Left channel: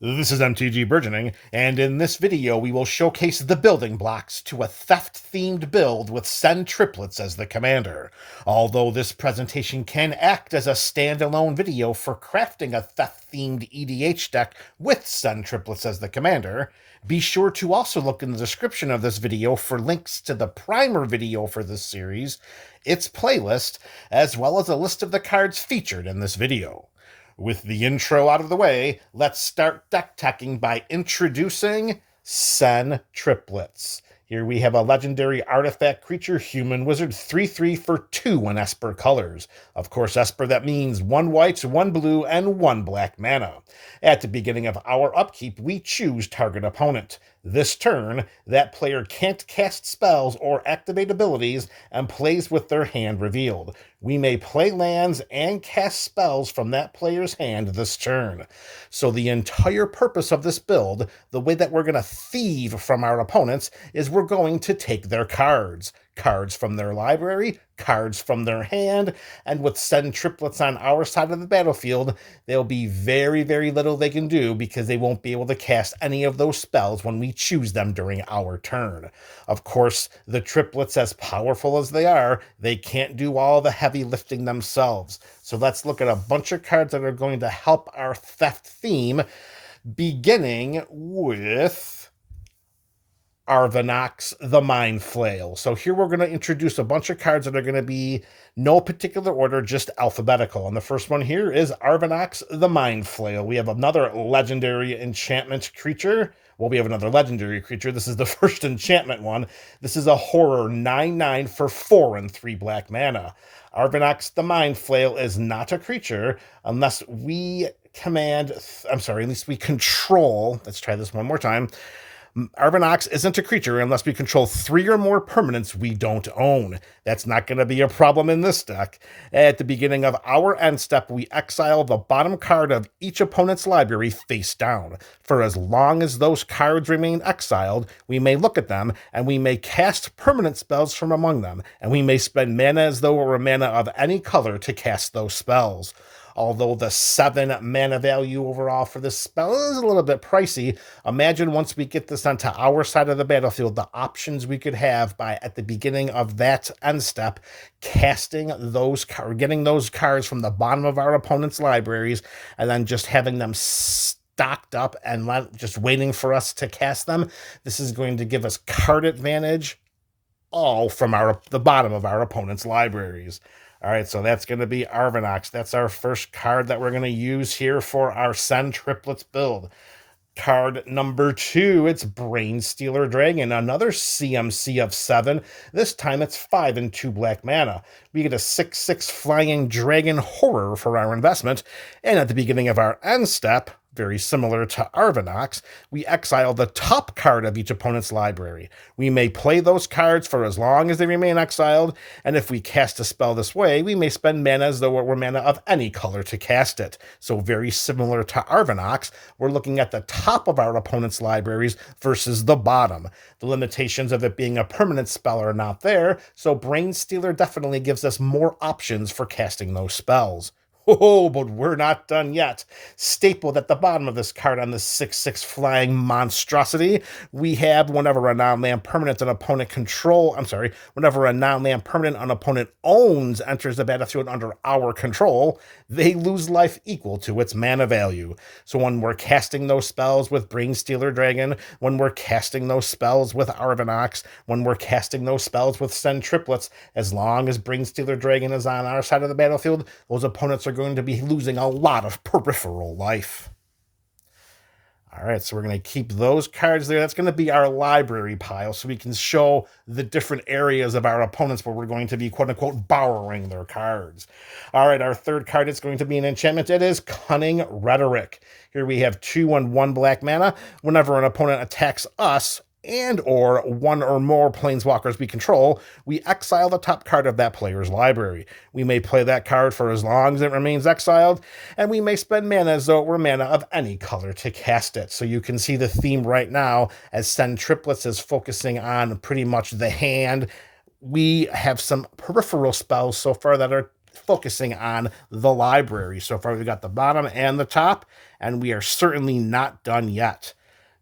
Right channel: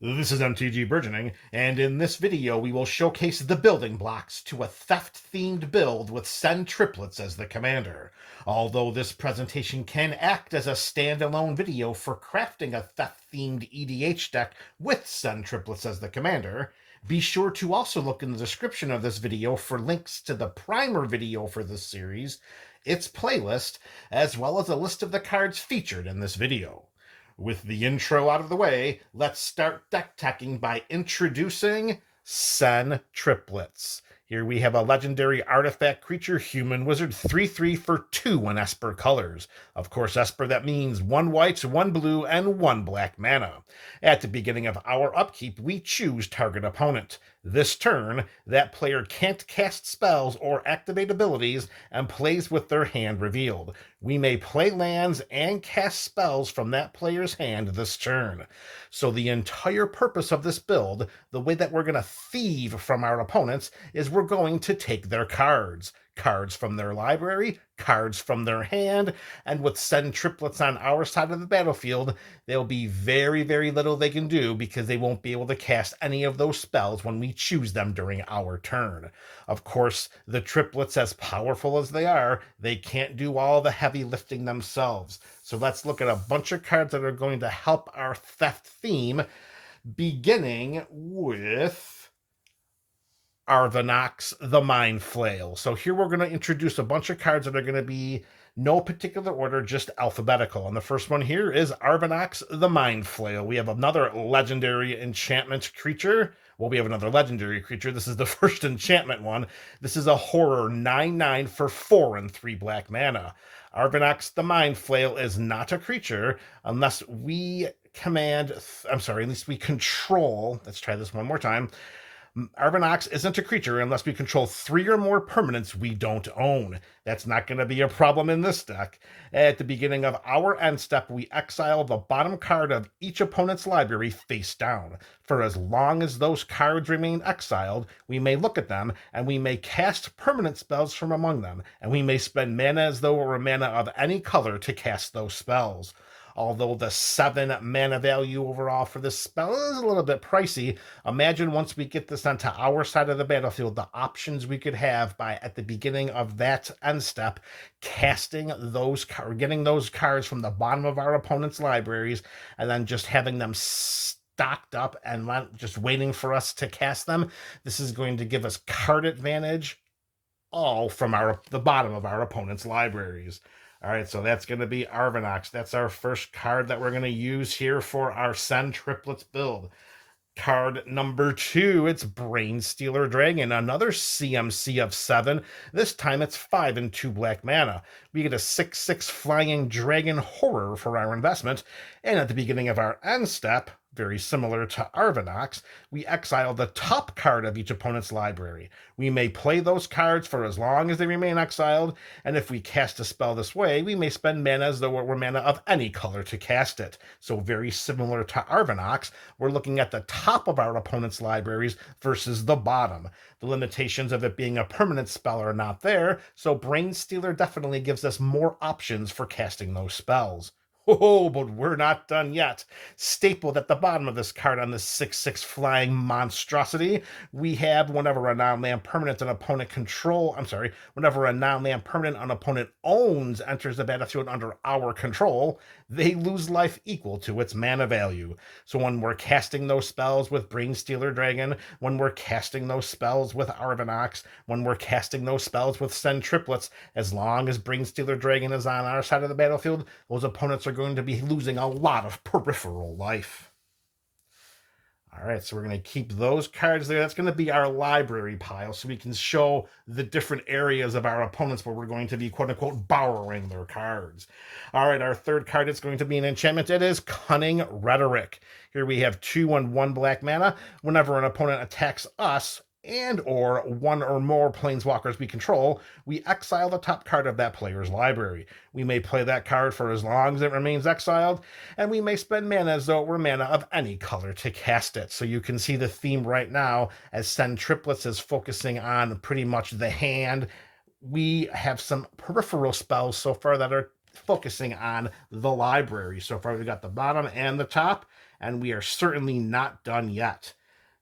This is MTG Burgeoning, and in this video we will showcase the building blocks to a theft-themed build with Sen Triplets as the commander. Although this presentation can act as a standalone video for crafting a theft-themed EDH deck with Sen Triplets as the commander, be sure to also look in the description of this video for links to the primer video for this series, its playlist, as well as a list of the cards featured in this video. With the intro out of the way, let's start deck teching by introducing Sen Triplets. Here we have a legendary artifact creature, human wizard, 3/3 for 2 in Esper colors. Of course, Esper, that means 1 white, 1 blue, and 1 black mana. At the beginning of our upkeep, we choose target opponent. This turn, that player can't cast spells or activate abilities and plays with their hand revealed. We may play lands and cast spells from that player's hand this turn. So the entire purpose of this build, the way that we're going to thieve from our opponents, is we're going to take their cards. Cards from their library, cards from their hand, and with Sen Triplets on our side of the battlefield, there'll be very, very little they can do because they won't be able to cast any of those spells when we choose them during our turn. Of course, the triplets, as powerful as they are, they can't do all the heavy lifting themselves. So let's look at a bunch of cards that are going to help our theft theme, beginning with Arvinox the Mind Flail. So here we're going to introduce a bunch of cards that are going to be no particular order, just alphabetical. And the first one here is Arvinox the Mind Flail. We have another legendary enchantment creature. Well, we have another legendary creature. This is the first enchantment one. This is a horror 9/9 for 4 and 3 black mana. Arvinox the Mind Flail is not a creature unless we unless we control, let's try this one more time. Arvinox isn't a creature unless we control 3 or more permanents we don't own. That's not going to be a problem in this deck. At the beginning of our end step, we exile the bottom card of each opponent's library face down. For as long as those cards remain exiled, we may look at them, and we may cast permanent spells from among them, and we may spend mana as though it were mana of any color to cast those spells. Although the 7 mana value overall for this spell is a little bit pricey, imagine once we get this onto our side of the battlefield, the options we could have by, at the beginning of that end step, casting those cards, getting those cards from the bottom of our opponent's libraries, and then just having them stocked up and just waiting for us to cast them. This is going to give us card advantage all from the bottom of our opponent's libraries. All right, so that's going to be Arvinox. That's our first card that we're going to use here for our Sen Triplets build. Card number 2, it's Brainstealer Dragon, another CMC of 7. This time it's 5 and 2 black mana. We get a 6/6 flying dragon horror for our investment, and at the beginning of our end step, very similar to Arvinox, we exile the top card of each opponent's library. We may play those cards for as long as they remain exiled, and if we cast a spell this way, we may spend mana as though it were mana of any color to cast it. So very similar to Arvinox, we're looking at the top of our opponent's libraries versus the bottom. The limitations of it being a permanent spell are not there, so Brainstealer definitely gives us more options for casting those spells. Oh, but we're not done yet. Stapled at the bottom of this card on this 6/6 flying monstrosity, we have whenever a non-land permanent an opponent whenever a non-land permanent an opponent owns enters the battlefield under our control, they lose life equal to its mana value. So when we're casting those spells with Brainstealer Dragon, when we're casting those spells with Arvinox, when we're casting those spells with Sen Triplets, as long as Brainstealer Dragon is on our side of the battlefield, those opponents are going to be losing a lot of peripheral life. All right, so we're going to keep those cards there. That's going to be our library pile, so we can show the different areas of our opponents where we're going to be, quote-unquote, borrowing their cards. All right, our third card is going to be an enchantment. It is Cunning Rhetoric. Here we have 2 and 1 black mana. Whenever an opponent attacks us, and or 1 or more planeswalkers we control, we exile the top card of that player's library. We may play that card for as long as it remains exiled, and we may spend mana as though it were mana of any color to cast it. So you can see the theme right now as Sen Triplets is focusing on pretty much the hand. We have some peripheral spells so far that are focusing on the library. So far, we got the bottom and the top, and we are certainly not done yet.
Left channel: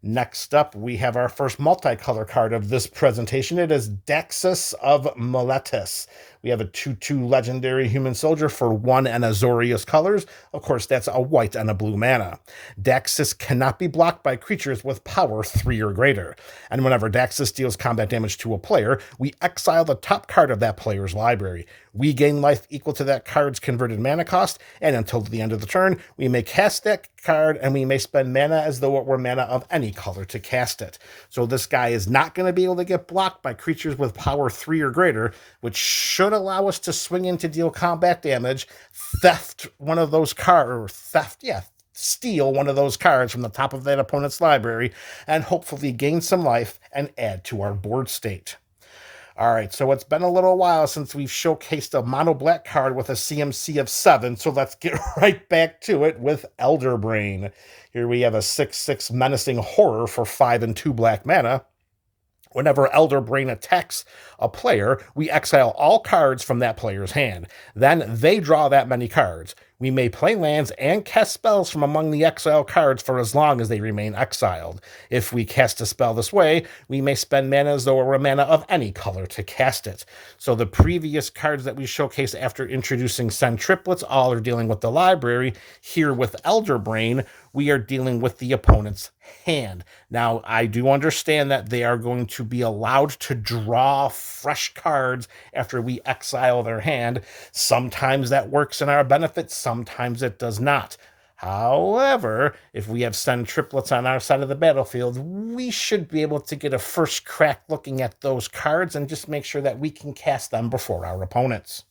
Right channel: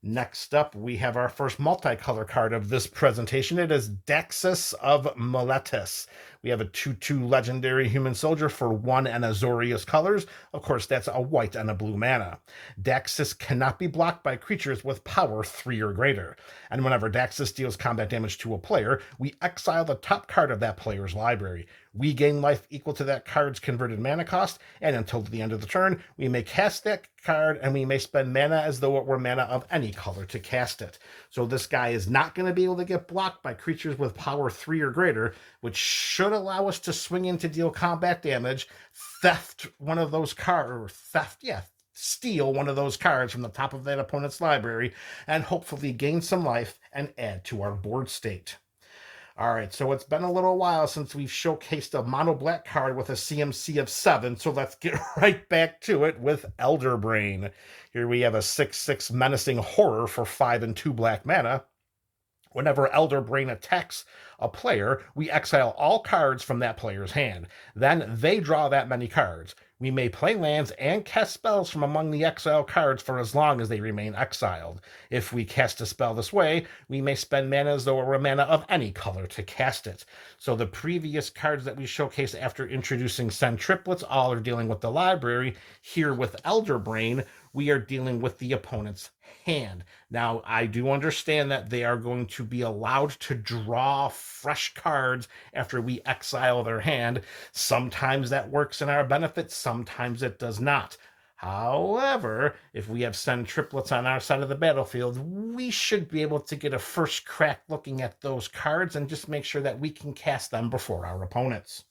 Next up, we have our first multicolor card of this presentation. It is Daxus of Meletis. We have a 2/2 legendary human soldier for 1 and Azorius colors. Of course, that's a white and a blue mana. Daxus cannot be blocked by creatures with power 3 or greater. And whenever Daxus deals combat damage to a player, we exile the top card of that player's library. We gain life equal to that card's converted mana cost, and until the end of the turn, we may cast that card, and we may spend mana as though it were mana of any color to cast it. So this guy is not going to be able to get blocked by creatures with power 3 or greater, which should allow us to swing in to deal combat damage, steal one of those cards from the top of that opponent's library, and hopefully gain some life and add to our board state. All right, so it's been a little while since we've showcased a mono black card with a CMC of 7, so let's get right back to it with Elder Brain. Here we have a 6/6 menacing horror for 5 and 2 black mana. Whenever Elder Brain attacks a player, we exile all cards from that player's hand. Then they draw that many cards. We may play lands and cast spells from among the exiled cards for as long as they remain exiled. If we cast a spell this way, we may spend mana as though it were mana of any color to cast it. So the previous cards that we showcased after introducing Sen Triplets all are dealing with the library. Here with Elder Brain, we are dealing with the opponent's hand. Now, I do understand that they are going to be allowed to draw fresh cards after we exile their hand. Sometimes that works in our benefit, sometimes it does not. However, if we have Sen Triplets on our side of the battlefield, we should be able to get a first crack looking at those cards and just make sure that we can cast them before our opponents.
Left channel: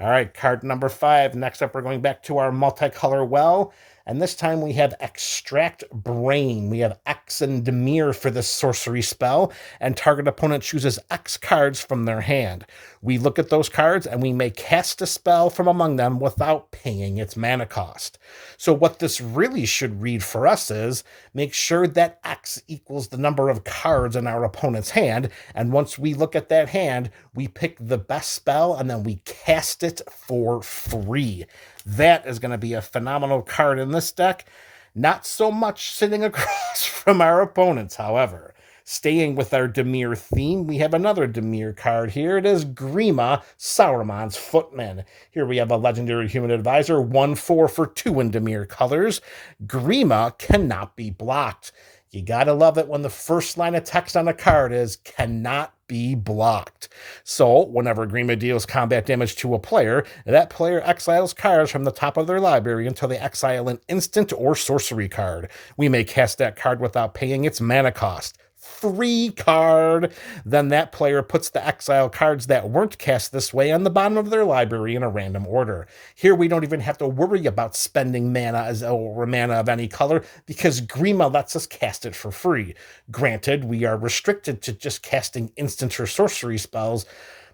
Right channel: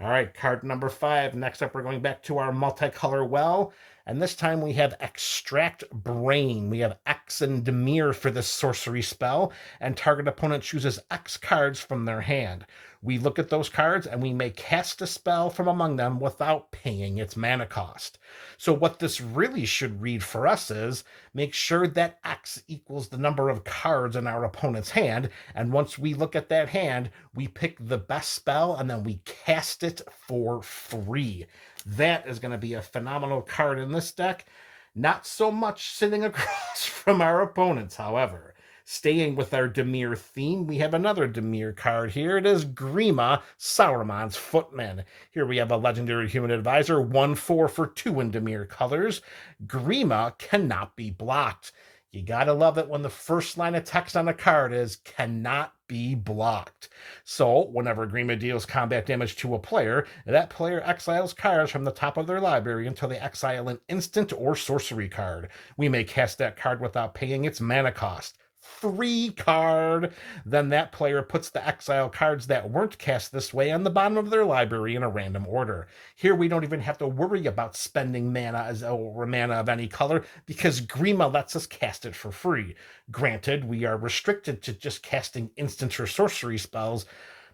All right, card number 5. Next up, we're going back to our multicolor well. And this time we have Extract Brain. We have X and Dimir for this sorcery spell, and target opponent chooses X cards from their hand. We look at those cards, and we may cast a spell from among them without paying its mana cost. So what this really should read for us is, make sure that X equals the number of cards in our opponent's hand, and once we look at that hand, we pick the best spell, and then we cast it for free. That is going to be a phenomenal card in this deck. Not so much sitting across from our opponents, however. Staying with our Dimir theme, we have another Dimir card here. It is Grima, Sauron's Footman. Here we have a legendary human advisor, 1/4 for 2 in Dimir colors. Grima cannot be blocked. You gotta love it when the first line of text on a card is cannot be blocked. So whenever Grima deals combat damage to a player, that player exiles cards from the top of their library until they exile an instant or sorcery card. We may cast that card without paying its mana cost. Free card. Then that player puts the exile cards that weren't cast this way on the bottom of their library in a random order. Here we don't even have to worry about spending mana or mana of any color because Grima lets us cast it for free. Granted, we are restricted to just casting instant or sorcery spells,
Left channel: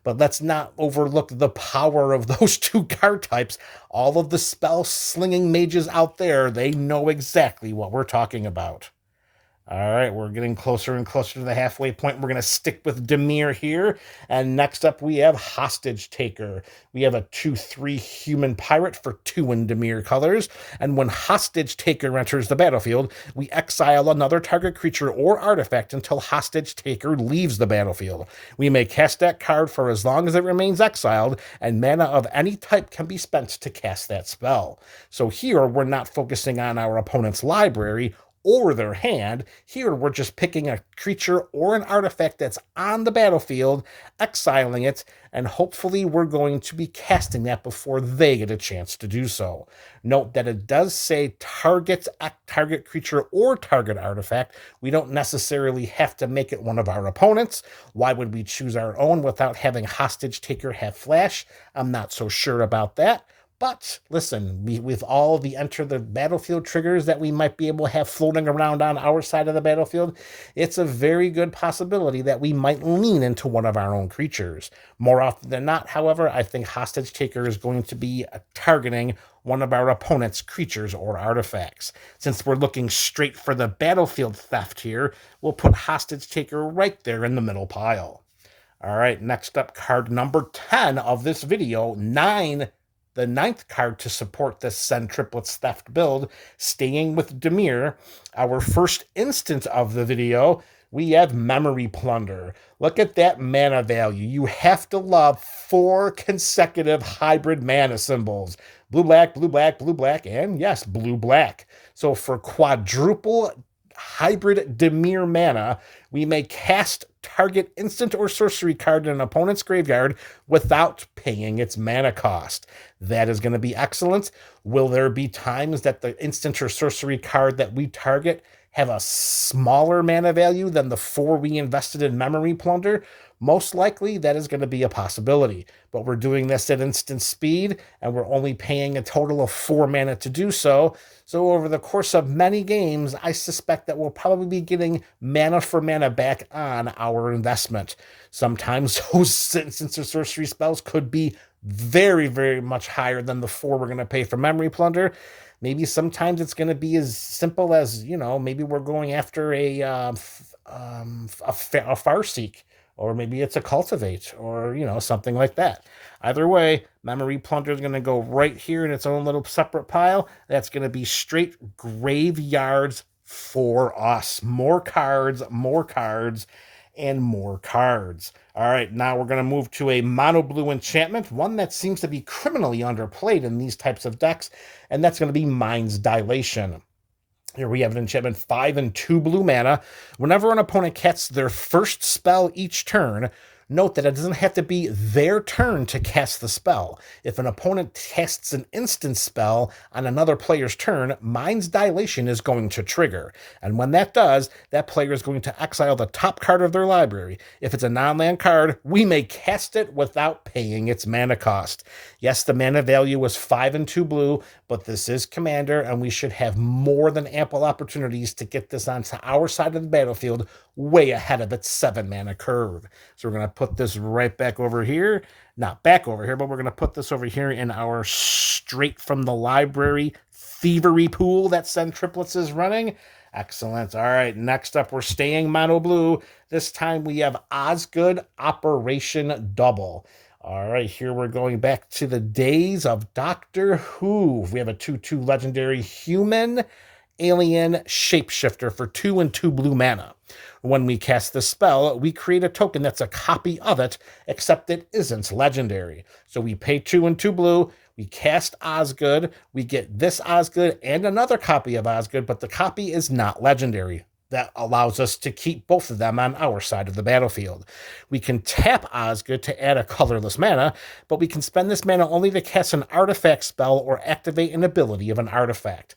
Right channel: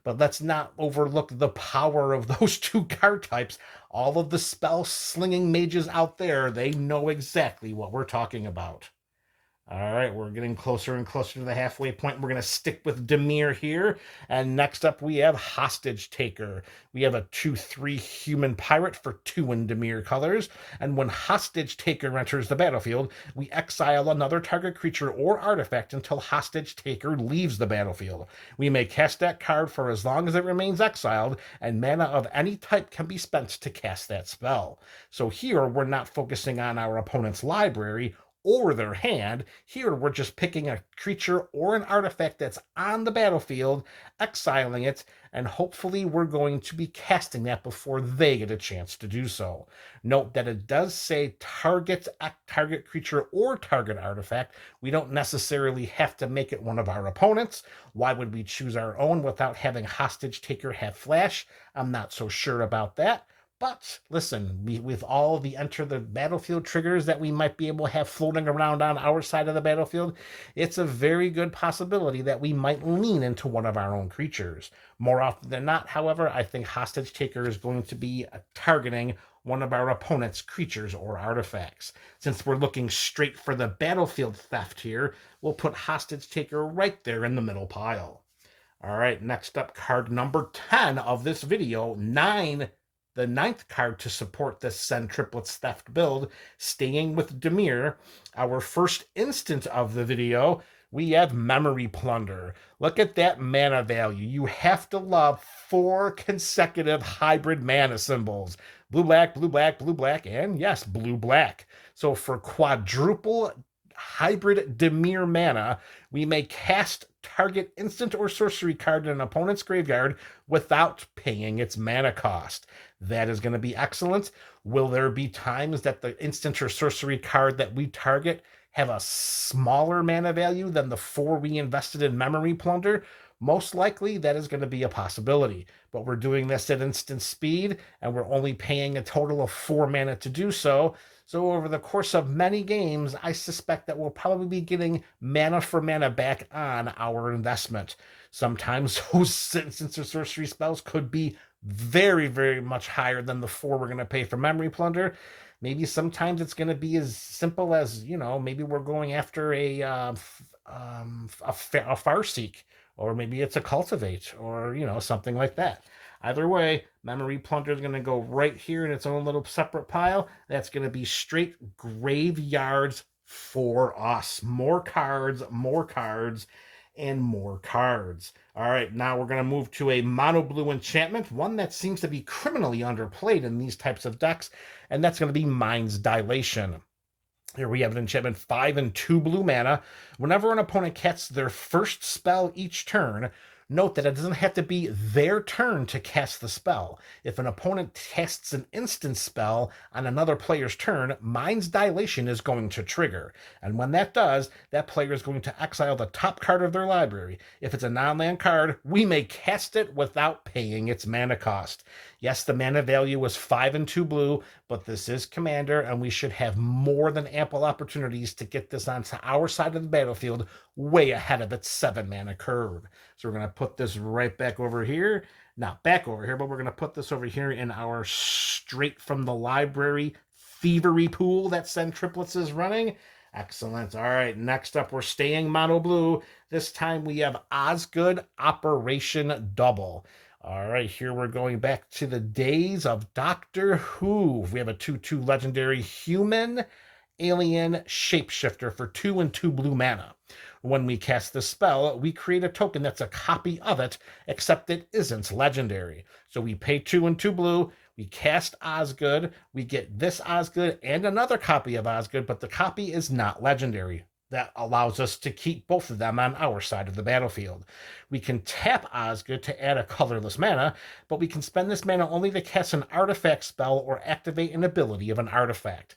but let's not overlook the power of those two card types. All of the spell-slinging mages out there, they know exactly what we're talking about. All right, we're getting closer and closer to the halfway point. We're going to stick with Dimir here. And next up, we have Hostage Taker. We have a 2/3 human pirate for 2 in Dimir colors. And when Hostage Taker enters the battlefield, we exile another target creature or artifact until Hostage Taker leaves the battlefield. We may cast that card for as long as it remains exiled, and mana of any type can be spent to cast that spell. So here, we're not focusing on our opponent's library or their hand. Here we're just picking a creature or an artifact that's on the battlefield, exiling it, and hopefully we're going to be casting that before they get a chance to do so. Note that it does say target creature or target artifact. We don't necessarily have to make it one of our opponents. Why would we choose our own without having Hostage Taker have flash? I'm not so sure about that. But listen, with all the enter the battlefield triggers that we might be able to have floating around on our side of the battlefield, it's a very good possibility that we might lean into one of our own creatures. More often than not, however, I think Hostage Taker is going to be targeting one of our opponent's creatures or artifacts. Since we're looking straight for the battlefield theft here, we'll put Hostage Taker right there in the middle pile. All right, next up, card number 10 of this video, 9, the 9th card to support this Sen Triplets theft build, staying with Dimir. Our first instant of the video, we have Memory Plunder. Look at that mana value. You have to love 4 consecutive hybrid mana symbols. Blue, black, blue, black, blue, black, and yes, blue, black. So for quadruple hybrid Dimir mana, we may cast target instant or sorcery card in an opponent's graveyard without paying its mana cost. That is going to be excellent. Will there be times that the instant or sorcery card that we target have a smaller mana value than the 4 we invested in Memory Plunder? Most likely, that is going to be a possibility. But we're doing this at instant speed, and we're only paying a total of 4 mana to do so. So over the course of many games, I suspect that we'll probably be getting mana for mana back on our investment. Sometimes those instant or sorcery spells could be very, very much higher than the 4 we're going to pay for Memory Plunder. Maybe sometimes it's going to be as simple as, maybe we're going after a Farseek, or maybe it's a Cultivate, or, something like that. Either way, Memory Plunder is going to go right here in its own little separate pile. That's going to be straight graveyards for us. More cards, and more cards. All right, now we're going to move to a mono blue enchantment, one that seems to be criminally underplayed in these types of decks, and that's going to be Mind's Dilation. Here we have an enchantment, 5 and 2 blue mana. Whenever an opponent casts their first spell each turn, note that it doesn't have to be their turn to cast the spell. If an opponent casts an instant spell on another player's turn, Mind's Dilation is going to trigger. And when that does, that player is going to exile the top card of their library. If it's a non-land card, we may cast it without paying its mana cost. Yes, the mana value was 5 and 2 blue, but this is Commander, and we should have more than ample opportunities to get this onto our side of the battlefield way ahead of its 7 mana curve. So we're going to put this right back over here. Not back over here, but we're going to put this over here in our straight from the library thievery pool that Sen Triplets is running. Excellent. All right, next up, we're staying mono blue. This time we have Osgood Operation Double. All right, here we're going back to the days of Doctor Who. We have a 2/2 legendary human alien shapeshifter for 2 and 2 blue mana. When we cast the spell, we create a token that's a copy of it, except it isn't legendary. So we pay 2 and 2 blue, we cast Osgood, we get this Osgood and another copy of Osgood, but the copy is not legendary. That allows us to keep both of them on our side of the battlefield. We can tap Osgood to add a colorless mana, but we can spend this mana only to cast an artifact spell or activate an ability of an artifact.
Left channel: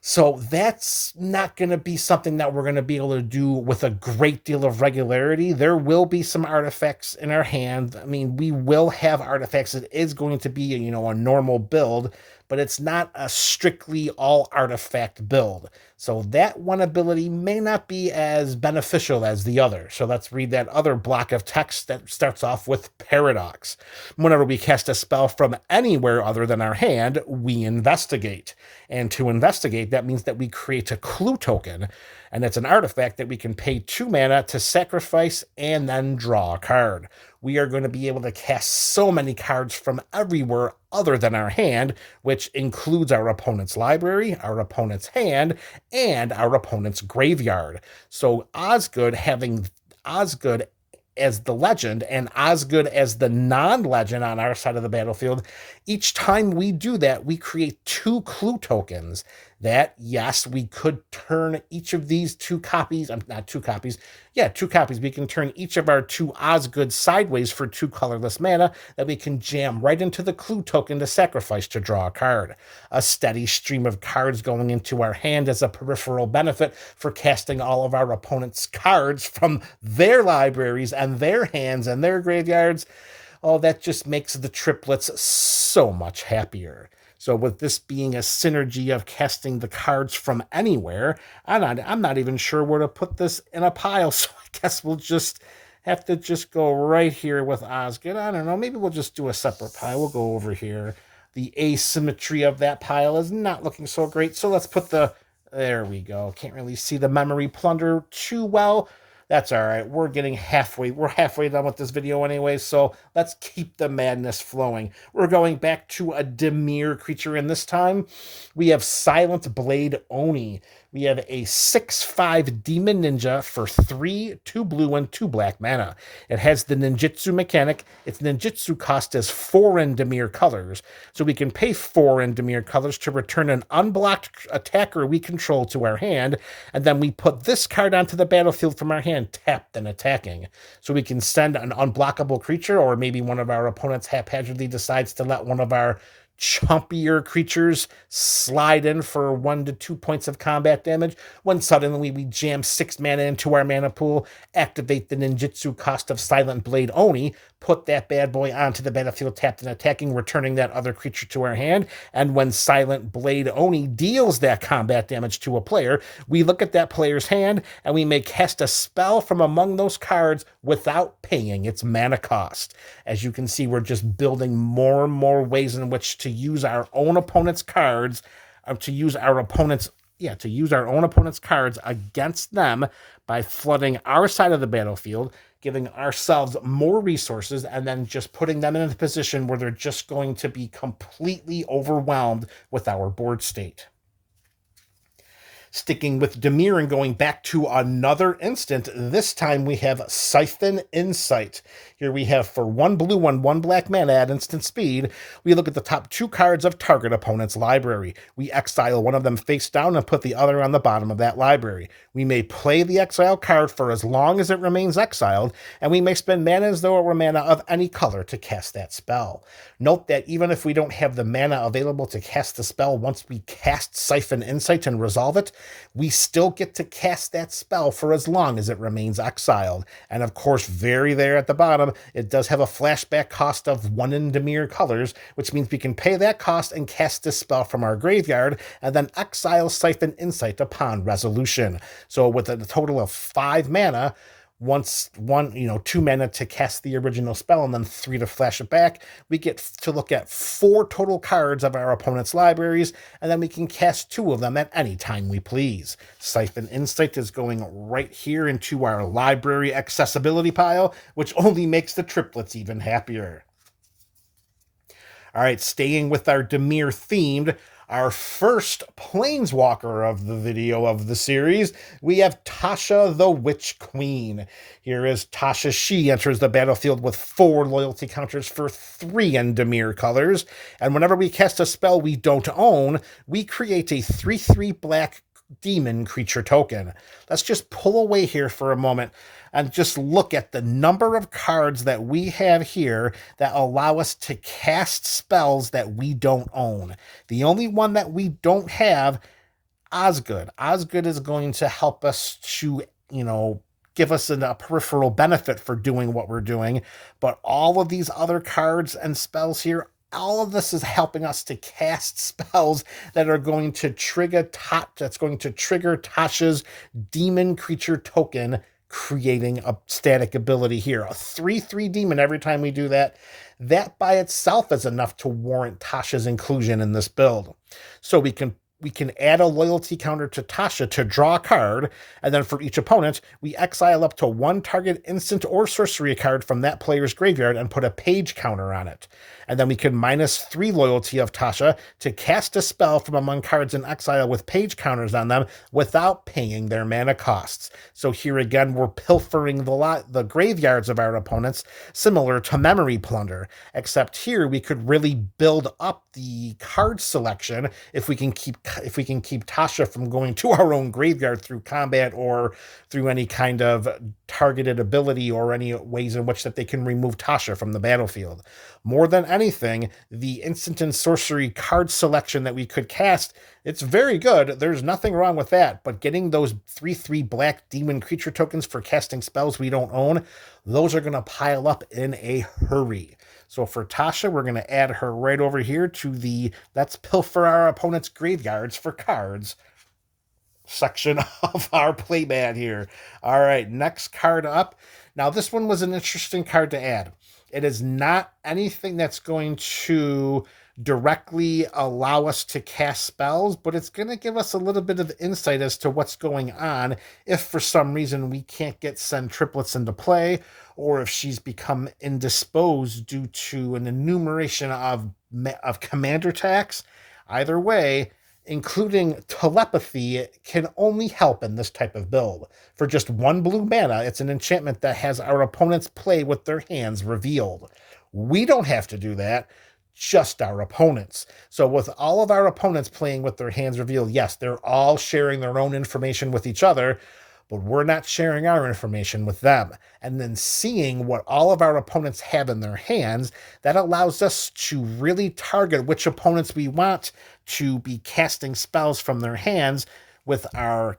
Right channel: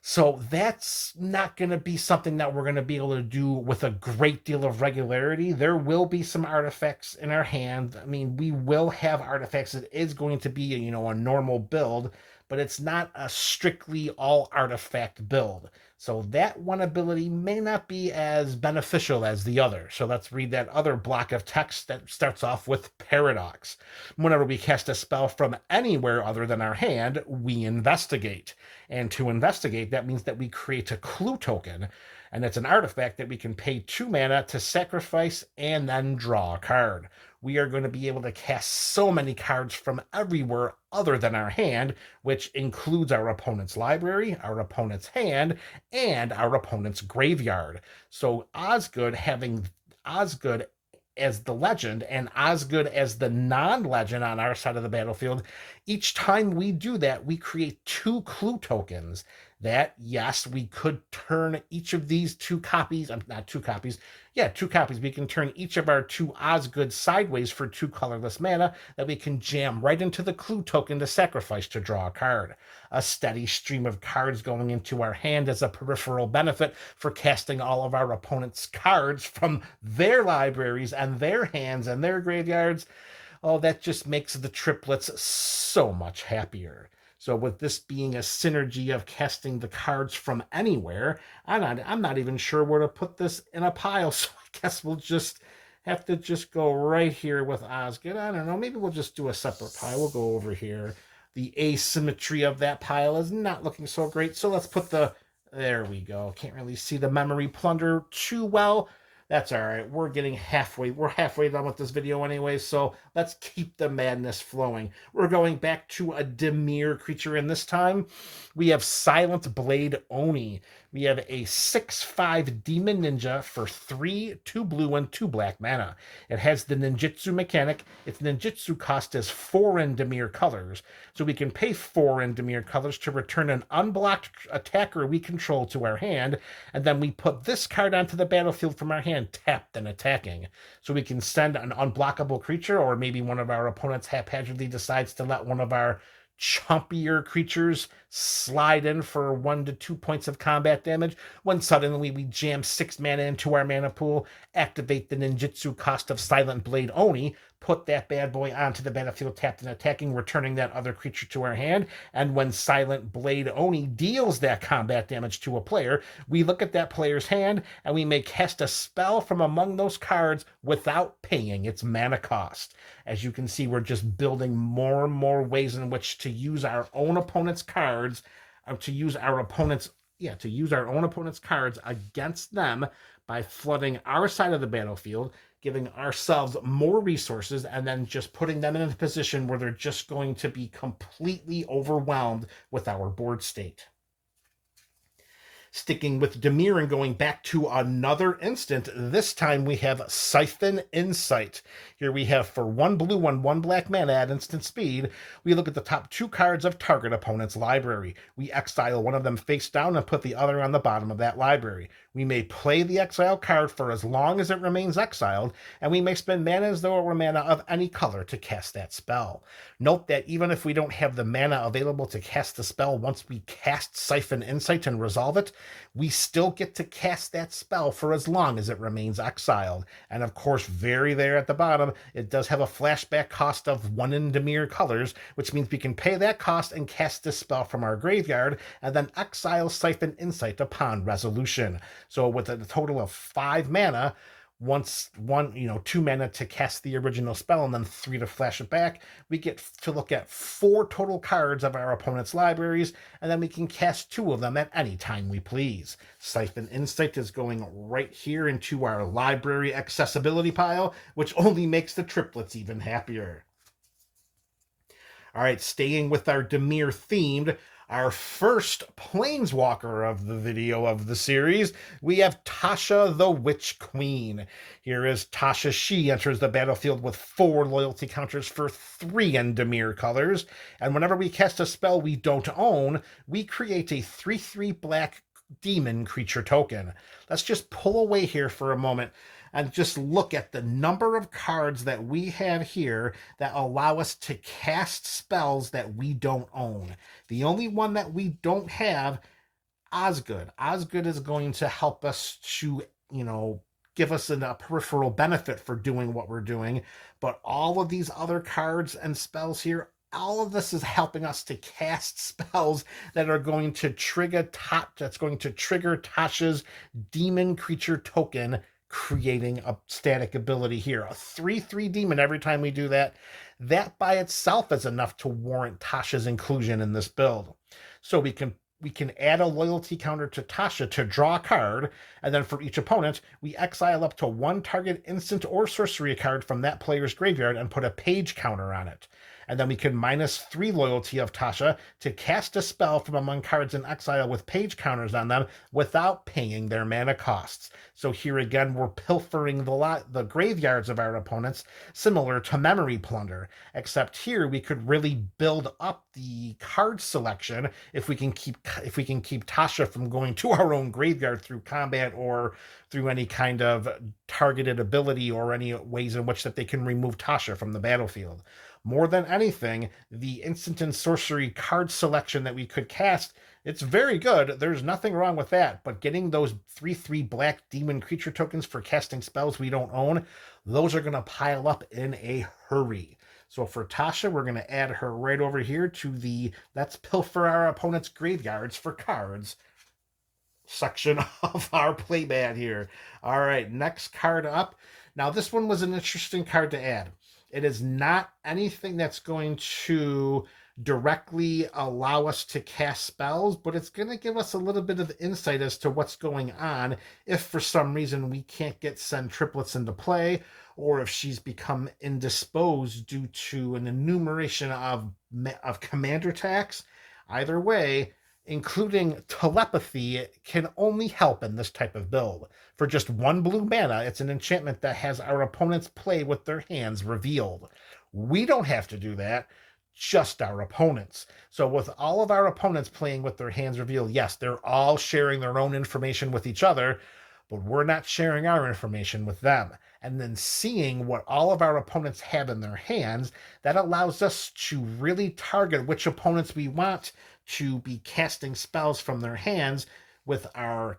So that's not going to be something that we're going to be able to do with a great deal of regularity. There will be some artifacts in our hand. I mean, we will have artifacts. It is going to be, a normal build, but it's not a strictly all artifact build. So that one ability may not be as beneficial as the other. So let's read that other block of text that starts off with Paradox. Whenever we cast a spell from anywhere other than our hand, we investigate. And to investigate, that means that we create a clue token, and it's an artifact that we can pay 2 mana to sacrifice and then draw a card. We are going to be able to cast so many cards from everywhere other than our hand, which includes our opponent's library, our opponent's hand, and our opponent's graveyard. So Osgood, having Osgood as the legend and Osgood as the non-legend on our side of the battlefield, each time we do that, we create 2 clue tokens that, yes, we could turn each of these 2 copies, not 2 copies, 2 copies. We can turn each of our 2 Osgood sideways for 2 colorless mana that we can jam right into the clue token to sacrifice to draw a card. A steady stream of cards going into our hand as a peripheral benefit for casting all of our opponent's cards from their libraries and their hands and their graveyards. Oh, that just makes the triplets so much happier. So with this being a synergy of casting the cards from anywhere, I'm not even sure where to put this in a pile. So I guess we'll just have to just go right here with Osgood. I don't know. Maybe we'll just do a separate pile. We'll go over here. The asymmetry of that pile is not looking so great. So let's put there we go. Can't really see the Memory Plunder too well. That's all right. We're getting halfway. We're halfway done with this video anyway, so let's keep the madness flowing. We're going back to a Dimir creature, and this time we have Silent Blade Oni. We have a 6/5 Demon Ninja for 3, 2 blue, and 2 black mana. It has the ninjutsu mechanic. Its ninjutsu cost is 4 in Dimir colors, so we can pay 4 in Dimir colors to return an unblocked attacker we control to our hand, and then we put this card onto the battlefield from our hand, tapped and attacking. So we can send an unblockable creature, or maybe one of our opponents haphazardly decides to let one of our chumpier creatures slide in for 1 to 2 points of combat damage, when suddenly we jam 6 mana into our mana pool, activate the ninjutsu cost of Silent Blade Oni, put that bad boy onto the battlefield tapped and attacking, returning that other creature to our hand, and when Silent Blade Oni deals that combat damage to a player, we look at that player's hand and we may cast a spell from among those cards without paying its mana cost. As you can see, we're just building more and more ways in which to use our own opponent's cards, to use our own opponent's cards against them by flooding our side of the battlefield, giving ourselves more resources, and then just putting them in a position where they're just going to be completely overwhelmed with our board state. Sticking with Dimir and going back to another instant, this time we have Siphon Insight. Here we have for 1 blue and 1 black mana at instant speed, we look at the top 2 cards of target opponent's library. We exile one of them face down and put the other on the bottom of that library. We may play the exile card for as long as it remains exiled, and we may spend mana as though it were mana of any color to cast that spell. Note that even if we don't have the mana available to cast the spell once we cast Siphon Insight and resolve it, we still get to cast that spell for as long as it remains exiled. And of course, very there at the bottom, it does have a flashback cost of 1 in Dimir colors, which means we can pay that cost and cast this spell from our graveyard, and then exile Siphon Insight upon resolution. So with a total of 5 mana, 2 mana to cast the original spell and then 3 to flash it back, we get to look at 4 total cards of our opponent's libraries, and then we can cast 2 of them at any time we please. Siphon Insight is going right here into our library accessibility pile, which only makes the triplets even happier. All right, staying with our Dimir themed, our first Planeswalker of the video of the series, we have Tasha the Witch Queen. Here is Tasha. She enters the battlefield with 4 loyalty counters for 3 in Dimir colors, and whenever we cast a spell we don't own, we create a 3/3 black demon creature token. Let's just pull away here for a moment and just look at the number of cards that we have here that allow us to cast spells that we don't own. The only one that we don't have, Osgood. Osgood is going to help us to, give us a peripheral benefit for doing what we're doing. But all of these other cards and spells here, all of this is helping us to cast spells that are going to trigger Tasha's demon creature token, creating a static ability here. A 3/3 demon every time we do that. That by itself is enough to warrant Tasha's inclusion in this build. So we can add a loyalty counter to Tasha to draw a card, and then for each opponent, we exile up to 1 target instant or sorcery card from that player's graveyard and put a page counter on it. And then we can -3 loyalty of Tasha to cast a spell from among cards in exile with page counters on them without paying their mana costs. So here again, we're pilfering the graveyards of our opponents, similar to Memory Plunder, except here we could really build up the card selection if we can keep Tasha from going to our own graveyard through combat or through any kind of targeted ability or any ways in which that they can remove Tasha from the battlefield. More than anything, the instant and sorcery card selection that we could cast, it's very good. There's nothing wrong with that. But getting those 3/3 black demon creature tokens for casting spells we don't own, those are going to pile up in a hurry. So for Tasha, we're going to add her right over here to the let's pilfer our opponent's graveyards for cards section of our playmat here. All right, next card up. Now, this one was an interesting card to add. It is not anything that's going to directly allow us to cast spells, but it's going to give us a little bit of insight as to what's going on if for some reason we can't get Sen Triplets into play, or if she's become indisposed due to an enumeration of commander attacks. Either way, including telepathy can only help in this type of build. For just 1 blue mana, it's an enchantment that has our opponents play with their hands revealed. We don't have to do that, just our opponents. So with all of our opponents playing with their hands revealed, yes, they're all sharing their own information with each other, but we're not sharing our information with them. And then seeing what all of our opponents have in their hands, that allows us to really target which opponents we want to be casting spells from their hands with our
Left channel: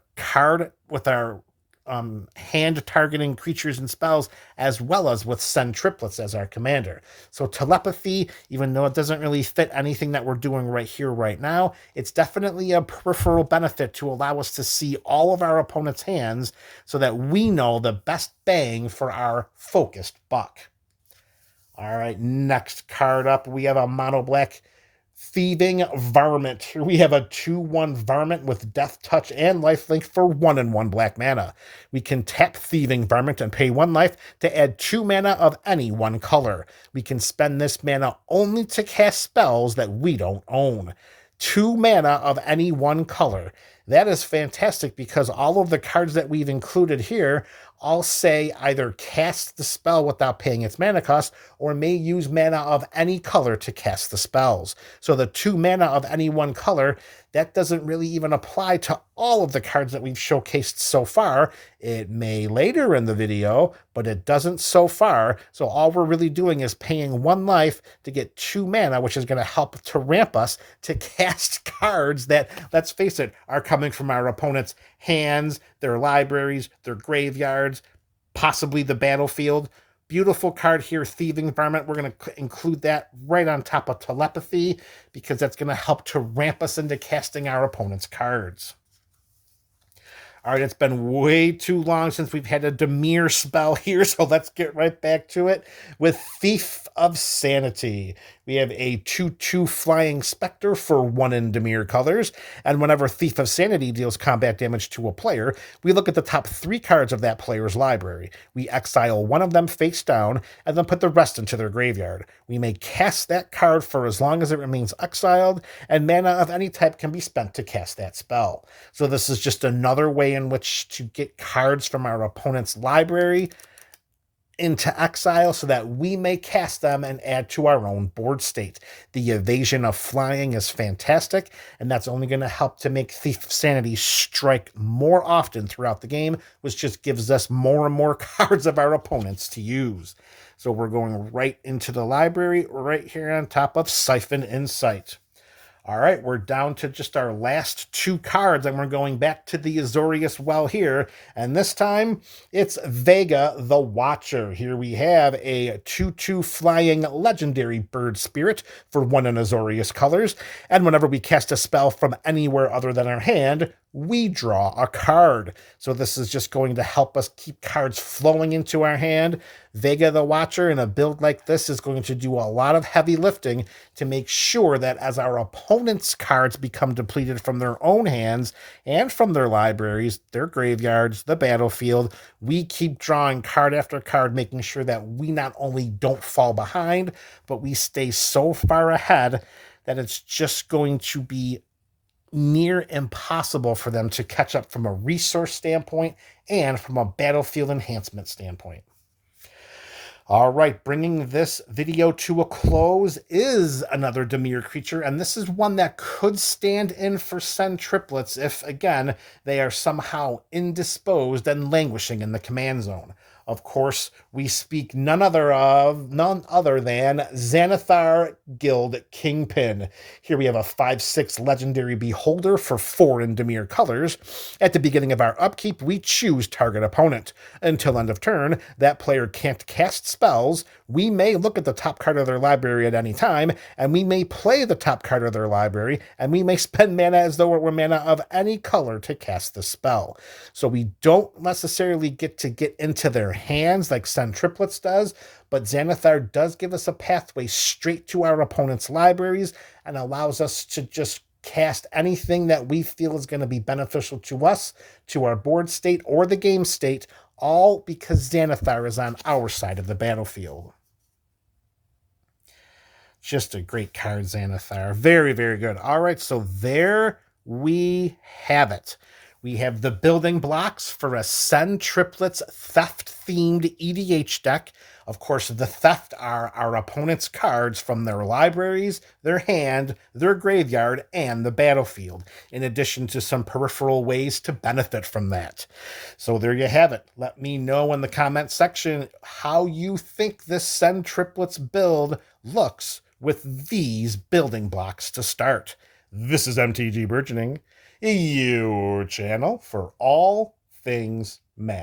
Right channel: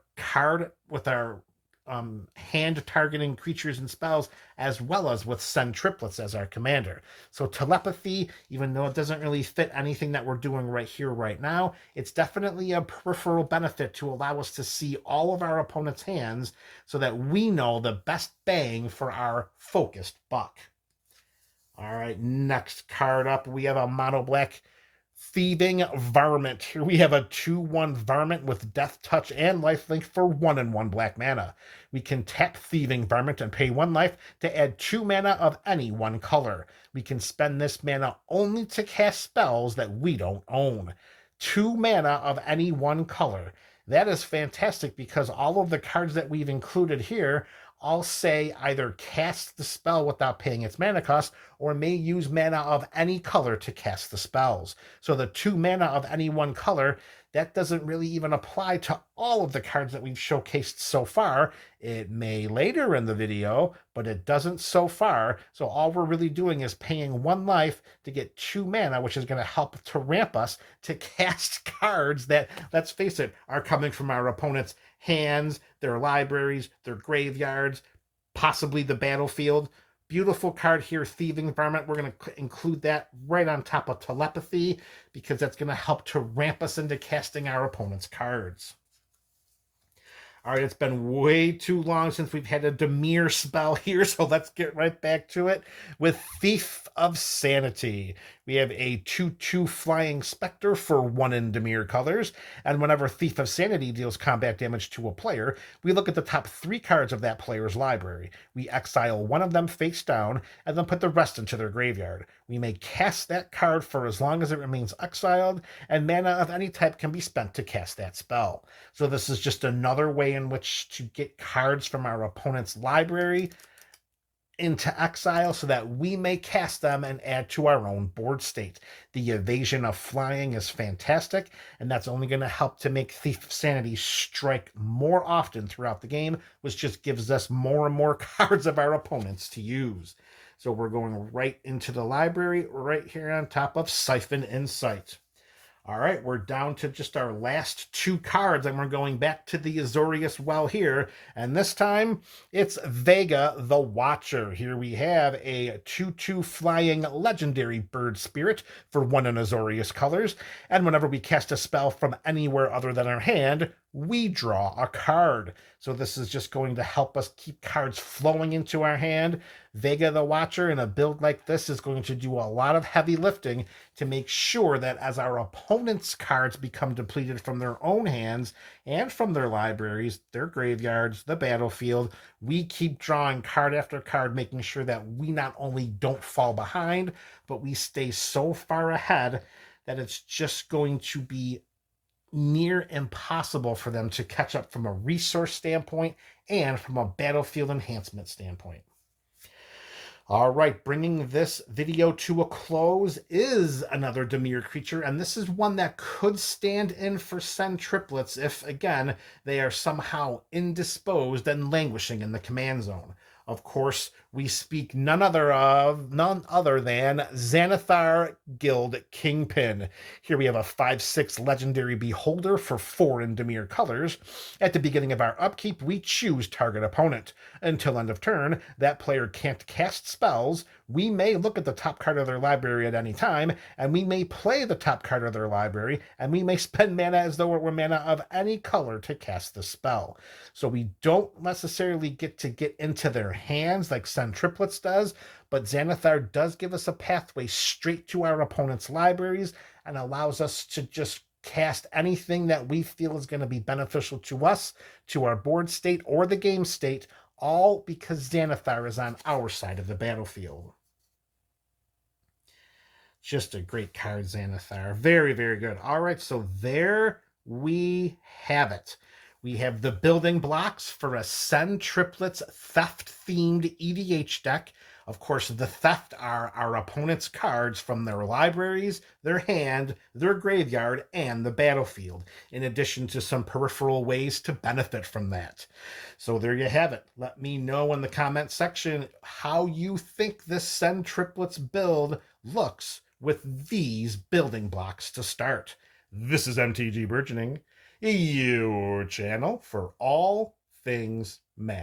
hand targeting creatures and spells, as well as with Sen Triplets as our commander. So telepathy, even though it doesn't really fit anything that we're doing right here, right now, it's definitely a peripheral benefit to allow us to see all of our opponent's hands so that we know the best bang for our focused buck. All right, next card up, we have a mono black Thieving Varmint. Here we have a 2/1 Varmint with Death Touch and Lifelink for 1 and 1 black mana. We can tap Thieving Varmint and pay 1 life to add 2 mana of any one color. We can spend this mana only to cast spells that we don't own. 2 mana of any one color. That is fantastic because all of the cards that we've included here all say either cast the spell without paying its mana cost or may use mana of any color to cast the spells. So the 2 mana of any one color, that doesn't really even apply to all of the cards that we've showcased so far. It may later in the video, but it doesn't so far. So all we're really doing is paying 1 life to get 2 mana, which is going to help to ramp us to cast cards that, let's face it, are coming from our opponent's hands, their libraries, their graveyards, possibly the battlefield. Beautiful card here, Thieving Varmint. We're going to include that right on top of telepathy because that's going to help to ramp us into casting our opponent's cards. All right, it's been way too long since we've had a Dimir spell here, so let's get right back to it with Thief of Sanity. We have a 2/2 Flying Spectre for 1 in Dimir colors, and whenever Thief of Sanity deals combat damage to a player, we look at the top 3 cards of that player's library. We exile 1 of them face down, and then put the rest into their graveyard. We may cast that card for as long as it remains exiled, and mana of any type can be spent to cast that spell. So this is just another way in which to get cards from our opponent's library into exile so that we may cast them and add to our own board state. The evasion of flying is fantastic, and that's only going to help to make Thief of Sanity strike more often throughout the game, which just gives us more and more cards of our opponents to use. So we're going right into the library, right here on top of Siphon Insight. All right, we're down to just our last 2 cards, and we're going back to the Azorius Well here, and this time it's Vega the Watcher. Here we have a 2/2 flying legendary bird spirit for 1 in Azorius colors, and whenever we cast a spell from anywhere other than our hand, we draw a card. So this is just going to help us keep cards flowing into our hand. Vega the Watcher in a build like this is going to do a lot of heavy lifting to make sure that as our opponent's cards become depleted from their own hands and from their libraries, their graveyards, the battlefield, we keep drawing card after card, making sure that we not only don't fall behind, but we stay so far ahead that it's just going to be near impossible for them to catch up from a resource standpoint and from a battlefield enhancement standpoint. All right, bringing this video to a close is another Dimir creature, and this is one that could stand in for Sen Triplets if, again, they are somehow indisposed and languishing in the command zone. Of course, we speak none other than Xanathar Guild Kingpin. Here we have a 5/6 legendary beholder for 4 in Dimir colors. At the beginning of our upkeep, we choose target opponent. Until end of turn, that player can't cast spells. We may look at the top card of their library at any time, and we may play the top card of their library, and we may spend mana as though it were mana of any color to cast the spell. So we don't necessarily get into their hands like Sen Triplets does, but Xanathar does give us a pathway straight to our opponent's libraries and allows us to just cast anything that we feel is going to be beneficial to us, to our board state, or the game state, all because Xanathar is on our side of the battlefield. Just a great card, Xanathar. Very, very good. All right, so there we have it. We have the building blocks for a Sen Triplets theft-themed EDH deck. Of course, the theft are our opponent's cards from their libraries, their hand, their graveyard, and the battlefield, in addition to some peripheral ways to benefit from that. So there you have it. Let me know in the comment section how you think this Sen Triplets build looks with these building blocks to start. This is MTG Burgeoning, your channel for all things Magic.